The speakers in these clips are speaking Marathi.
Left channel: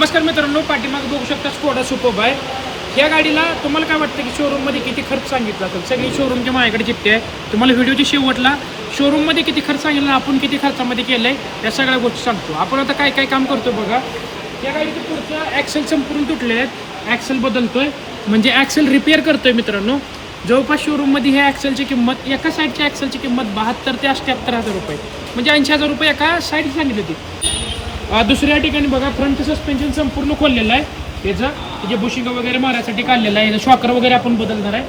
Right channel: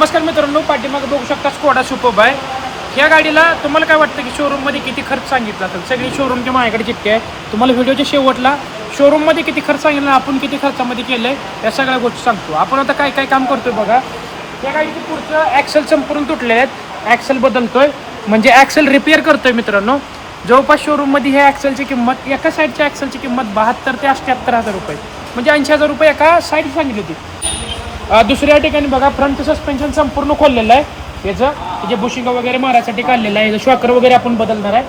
नमस्कार मित्रांनो, पाठीमागे बघू शकता स्कोडा सुपर्ब आहे. या गाडीला तुम्हाला काय वाटतं की शोरूममध्ये किती खर्च सांगितला असेल? सगळी शोरूमच्या माझ्याकडे चिठ्ठी आहे. तुम्हाला व्हिडिओच्या शेवटला शोरूममध्ये किती खर्च सांगितला, आपण किती खर्चामध्ये केलं आहे या सगळ्या गोष्टी सांगतो. आपण आता काय काय काम करतोय बघा. या गाडीचं पुढचं ॲक्सेल संपूर्ण तुटले आहेत, ॲक्सेल बदलतोय म्हणजे ॲक्सेल रिपेअर करतोय मित्रांनो. जवळपास शोरूममध्ये ह्या ॲक्सेलची किंमत, एका साईडच्या ॲक्सेलची किंमत 72 ते 78,000 रुपये, म्हणजे 80,000 रुपये एका साईड सांगितली होती. दुसऱ्या ठिकाणी बघा, फ्रंट सस्पेन्शन संपूर्ण खोललेलं आहे. याचं जे बुशिंग वगैरे मारायसाठी काढलेलं आहे, याचं शॉकर वगैरे आपण बदलणार आहे.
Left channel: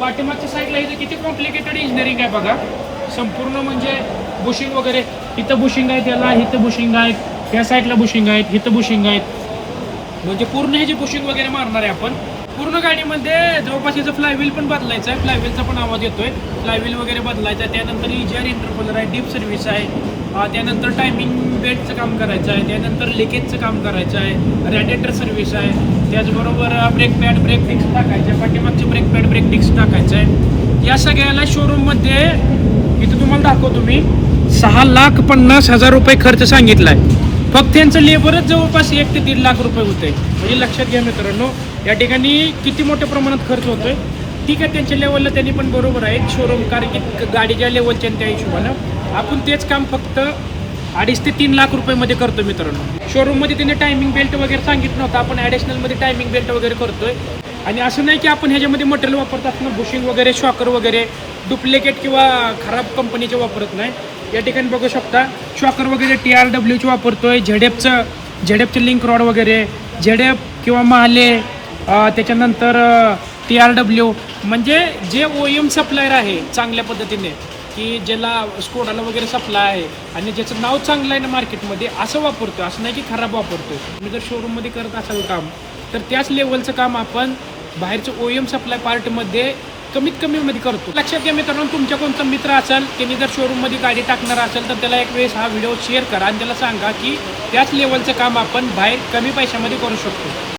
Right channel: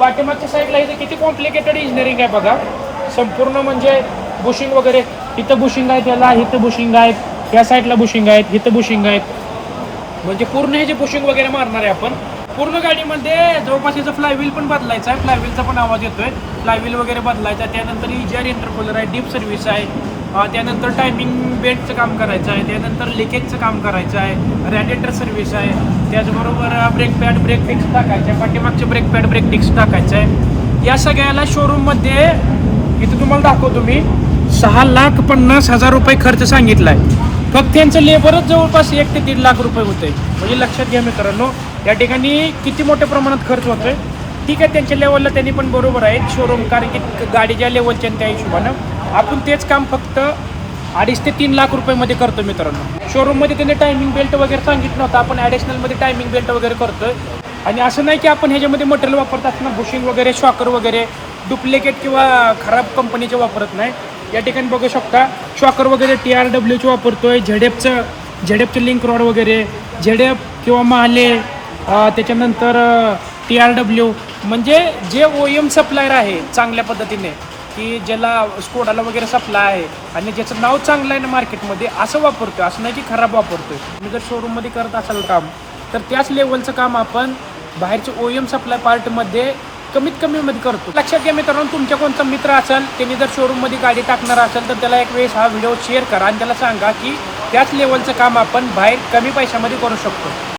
पाठीमागच्या साईडला याचं किती कॉम्प्लिकेटेड इंजिनिअरिंग आहे बघा. संपूर्ण म्हणजे बुशिंग वगैरे, इथं बुशिंग आहे, त्याला इथं बुशिंग आहेत, त्या साईडला बुशिंग आहेत, इथं बुशिंग आहेत, म्हणजे पूर्ण हे जे बुशिंग वगैरे मारणार आहे आपण. पूर्ण गाडीमध्ये जवळपास याचं फ्लायव्हील पण बदलायचं आहे, फ्लायव्हीलचा पण आवाज येतोय, फ्लायव्हील वगैरे बदलायचा आहे. त्यानंतर EGR इंटरकूलर आहे, डीप सर्व्हिस आहे, त्यानंतर टायमिंग बेल्टचं काम करायचं आहे, त्यानंतर लिकेजचं काम करायचं आहे, रॅडिएटर सर्व्हिस आहे, त्याचबरोबर ब्रेक पॅड ब्रेक डिस्क टाकायचं आहे, पाठीमागचे ब्रेक पॅड ब्रेक डिस्क टाकायचं आहे. या सगळ्याला शोरूममध्ये इथं तुम्हाला दाखवतो मी 6,50,000 रुपये खर्च सांगितला आहे. फक्त यांचं लेबरच जवळपास 1 ते 1.5 लाख रुपये होते. म्हणजे लक्षात घ्या मित्रांनो, या ठिकाणी किती मोठ्या प्रमाणात खर्च होतोय. ठीक आहे, त्यांच्या लेवलला त्यांनी पण बरोबर आहे शोरूम, कारण की गाडीच्या लेवलच्या त्या हिशोबानं आपण तेच काम फक्त 2.5 ते 3 लाख रुपयेमध्ये करतो मित्रांनो. शोरूममध्ये त्यांनी टायमिंग बेल्ट वगैरे सांगितलं होतं, आपण ॲडिशनलमध्ये टायमिंग बेल्ट वगैरे करतोय. आणि असं नाही की आपण ह्याच्यामध्ये मटेरियल वापरत असताना बुशिंग वगैरे, शॉकर वगैरे डुप्लिकेट किंवा खराब कंपनीचे वापरत नाही. या ठिकाणी बघू शकता शॉकर वगैरे TRWचे वापरतोय, झेडेपचे लिंक रॉड वगैरे, झेडेप किंवा महाले, त्याच्यानंतर TRW, म्हणजे जे OEM सप्लायर आहे चांगल्या पद्धतीने, की ज्याला स्कोडाला वगैरे सप्लाय आहे आणि ज्याचं नाव चांगलं आहे ना मार्केटमध्ये, असं वापरतोय. असं नाही की खराब वापरतोय. तुम्ही जर शोरूममध्ये करत असाल काम, तर त्याच लेवलचं काम आपण बाहेरचं OEM सप्लाय पार्टमध्ये कमीत कमीमध्ये करतो. लक्षात घ्या मित्रांनो, तुमच्या कोणता मित्र असेल, त्यांनी जर शोरूममध्ये गाडी टाकणार असेल, तर त्याला एक वेळेस हा व्हिडिओ शेअर करा आणि त्याला सांगा की त्याच लेवलचं काम आपण बाहेर कमी पैशामध्ये करू शकतो.